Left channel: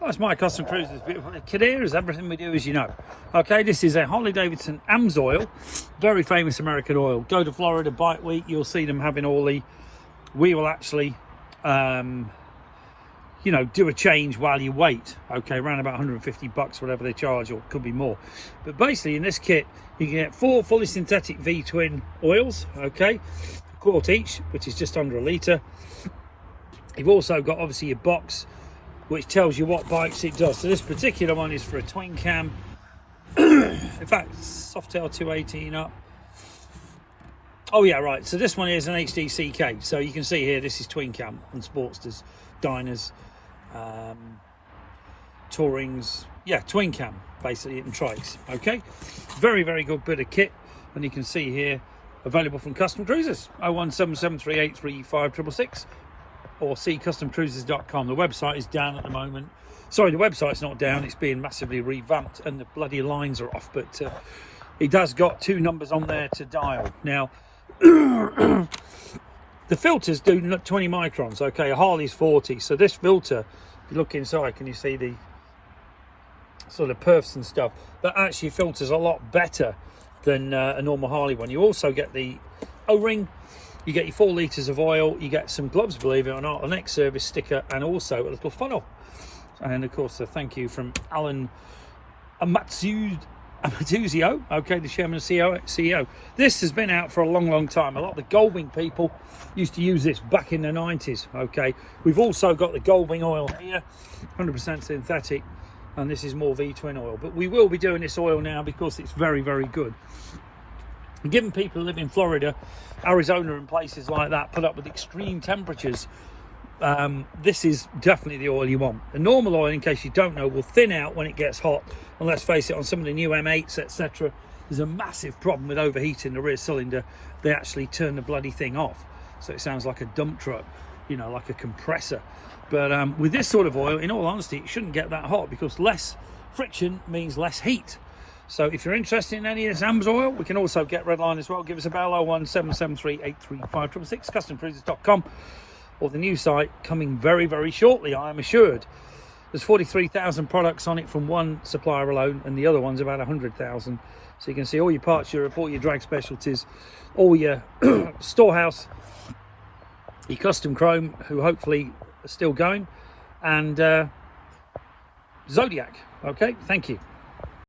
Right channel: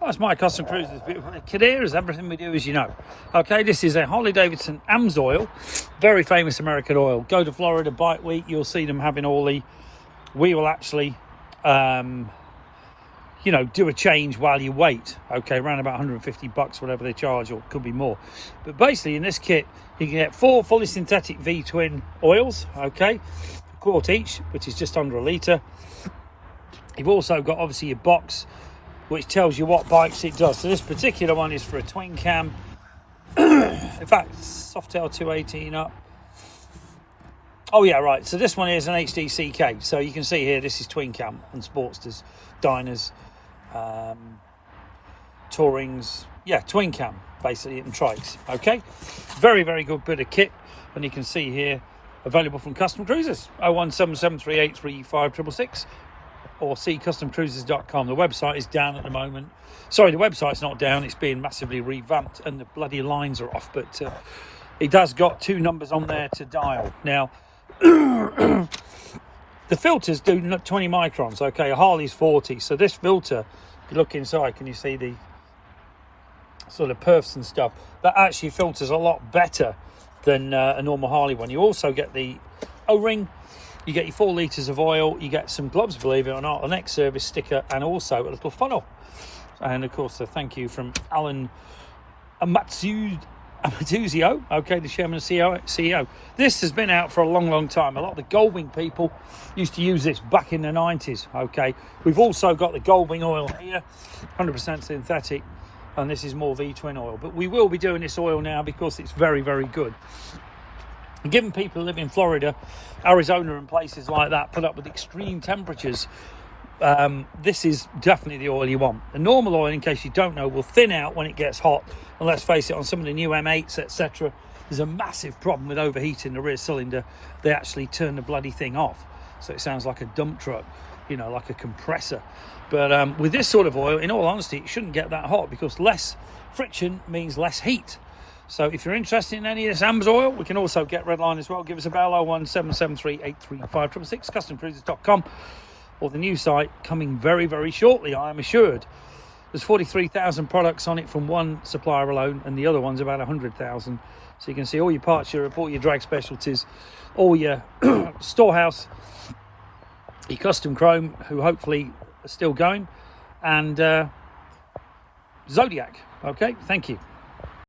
That's my Custom Cruisers. Kadir is everything we do, as you know. Okay, this is a Harley Davidson Amsoil, very famous American oil. Go to Florida Bike Week, you'll see them having all the. We will actually, you know, do a change while you wait. Okay, around about $150, whatever they charge, or it could be more. But basically, in this kit, you can get 4 fully synthetic V-twin oils. Okay, a quart each, which is just under a litre. You've also got obviously your box, which tells you what bikes it does. So this particular one is for a twin cam. In fact, Softail 218 up. Oh yeah, right. So this one is an HDCK. So you can see here, this is twin cam and Sportsters, Diners, Tourings. Yeah, twin cam, basically, and trikes. Okay, very, very good bit of kit. And you can see here, available from Custom Cruisers, 01773835666. Or see customcruisers.com. The website is down at the moment. Sorry, the website's not down, it's being massively revamped and the bloody lines are off, but it has got 2 numbers on there to dial. Now, the filters do 20 microns, okay, a Harley's 40, so this filter, if you look inside, can you see the sort of perfs and stuff? That actually filters a lot better than a normal Harley one. You also get the O-ring, you get your 4 litres of oil, you get some gloves, believe it or not, an ex-service sticker, and also a little funnel. And of course, a thank you from Alan Amatuzio, okay, the chairman and CEO. This has been out for a long, long time. A lot of the Goldwing people used to use this back in the 90s, okay. We've also got the Goldwing oil here, 100% synthetic, and this is more V-twin oil. But we will be doing this oil now because it's very, very good. Given people who live in Florida, Arizona and places like that put up with extreme temperatures, this is definitely the oil you want. The normal oil, in case you don't know, will thin out when it gets hot. And let's face it, on some of the new M8s, etc., there's a massive problem with overheating the rear cylinder. They actually turn the bloody thing off. So it sounds like a dump truck, you know, like a compressor. But with this sort of oil, in all honesty, it shouldn't get that hot because less friction means less heat. So if you're interested in any of this Amsoil, we can also get Redline as well. Give us a bell, 01773835666, customcruisers.com, or the new site coming very, very shortly, I am assured. There's 43,000 products on it from one supplier alone, and the other one's about 100,000. So you can see all your parts Europe, all your drag specialties, all your Storehouse, your Custom Chrome, who hopefully are still going, and Zodiac. Okay, thank you.